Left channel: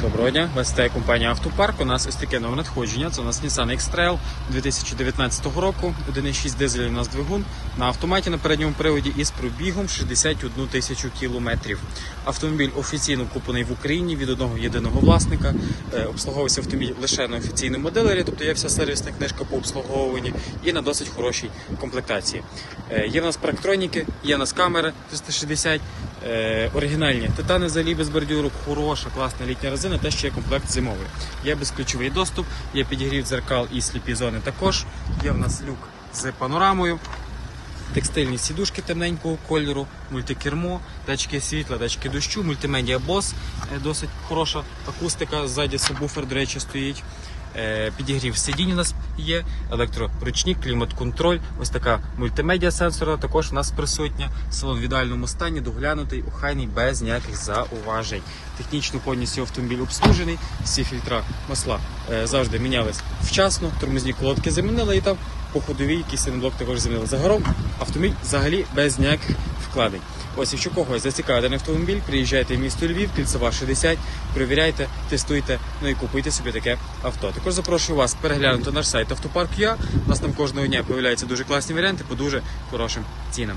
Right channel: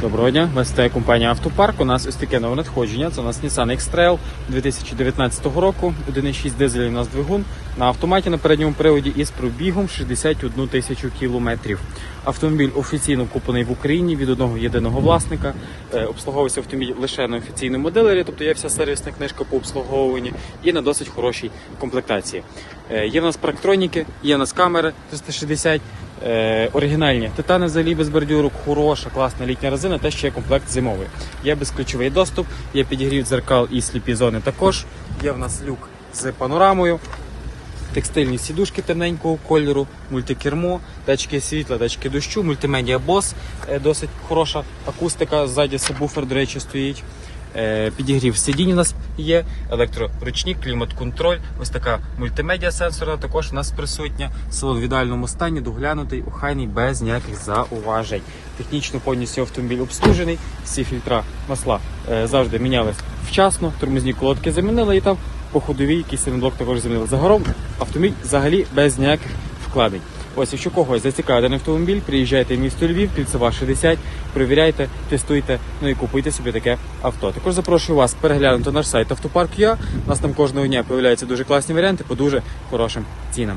Доброго дня, вас вітає компанія Автопарк. У нас ось таке нове надходження. Це у нас Nissan X-Trail 2019 року. 1,6 дизель у нас двигун на автоматі на передньому приводі із пробігом 61 тисячу кілометрів. Автомобіль офіційно куплений в Україні від одного єдиного власника. Е, Обслуговується автомобіль лише на офіційному дилері, тобто є вся сервісна книжка по обслуговуванні і на досить хорошій комплектації. Е, Є в нас парктроніки, є в нас камери 360, е, оригінальні титани взагалі без бордюру, хороша, класна літня резина, те ще є комплект зимовий. Є безключовий доступ, є підігрів дзеркал і сліпі зони також. Є в нас люк з панорамою. Текстильні сідушки темненького кольору, мультикермо, датчики світла, датчики дощу, мультимедіа бос, е, досить хороша акустика, ззаді сабвуфер, до речі, стоїть. Е, Підігрів сидінь у нас є, електроручник, клімат-контроль, ось така мультимедіа сенсорна також у нас присутня. Салон в ідеальному стані, доглянутий, охайний, без ніяких зауважень. Технічно повністю автомобіль обслужений, всі фільтра масла е, завжди мінялись вчасно, тормозні колодки замінили і там по ходовій якийсь блок також замінили. Загалом автомобіль взагалі без ніяких вкладень. Ось, якщо когось зацікавить даний автомобіль, приїжджайте в місто Львів, Кільцева 60, перевіряйте, тестуйте, ну і купуйте собі таке авто. Також запрошую вас переглянути наш сайт Автопарк.ua. У нас там кожного дня появляються дуже класні варіанти по дуже хорошим цінам.